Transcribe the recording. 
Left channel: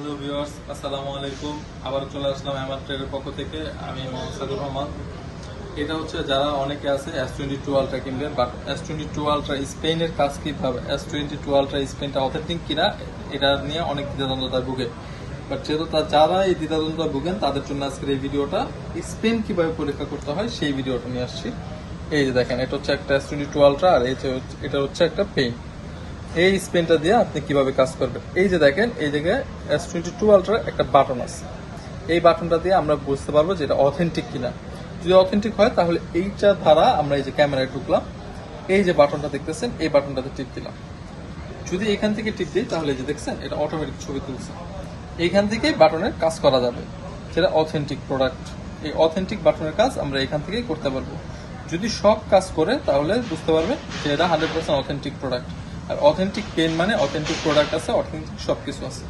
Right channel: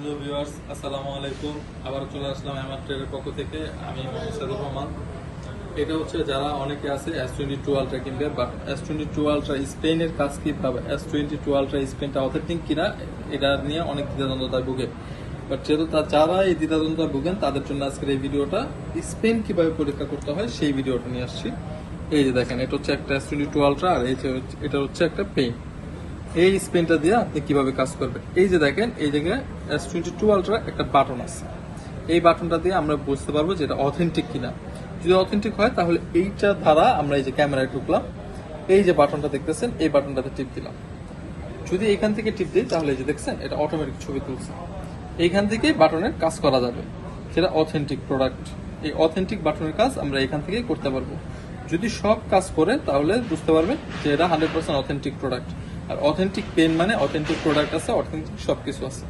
Hello viewers আসসালামু আলাইকুম আবার চলে আসলাম আমার ট্রেডের পক্ষ থেকে। আমি মোহাম্মদ রহমান এটা হচ্ছে যারা অনেকে আছে এস টোয়েন্টি টু আলট্রা কিনবে but S twenty two ultra স্পেনের কাজ কি হবে এস টোয়েন্টি টু আলট্রা স্পেনটা অথেন্টিক কিনা, এটা নিয়ে অনেক দ্বিধাদ্বন্দ্বতা ভুগে বাট যেহেতু যারা এই দ্বিধাদ্বন্দ্বতা ভুগেন তাদের জন্য আজকের এই ভিডিওটা স্পেন কীভাবে পরীক্ষা করতে হয়, সেই ভিডিওটা নিয়ে আসছি। এই যে দেখেন, এটা হচ্ছে একটা এস টোয়েন্টি টু আলট্রা আর এটা হচ্ছে একটা পেন এই স্পেনটা দিয়ে আপনি কীভাবে কাজ করবেন? এই যে দেখেন, এই জায়গায় এস টোয়েন্টি টু আলট্রা একটা বাটন আছে। এই বাটনটা দিয়ে আমরা বুঝতে পারব যে এটা অথেন্টিক কিনা। যদি অথেন্টিক হয়, তাহলে এইটা দ্বারা আমরা এই যে ক্যামেরায় ঢুকলাম। এই যে বাটনটা দেখতেছেন, এই বাটনটাতে টিপ দিলাম। যদি এখান থেকে টিপ দিই, তাহলে এই যে দেখছেন, এটা অটোমেটিক ছবি তুলছে। এইখান থেকে বাটনের কাজ করা যাবে। সেটা অথেন্টিক প্রোডাক্ট এই অথেন্টিক বাটনের কাজ আমরা এখান থেকেই করতে পারব। যদি সব কাজ করে, তাহলে বুঝতে পারবে যে এটা হান্ড্রেড পার্সেন্ট অথেন্টিক প্রোডাক্ট আর অথেন্টিক পেন মানে অথেন্টিক প্রোডাক্ট আছে অথেন্টিক সব কিছু আছে।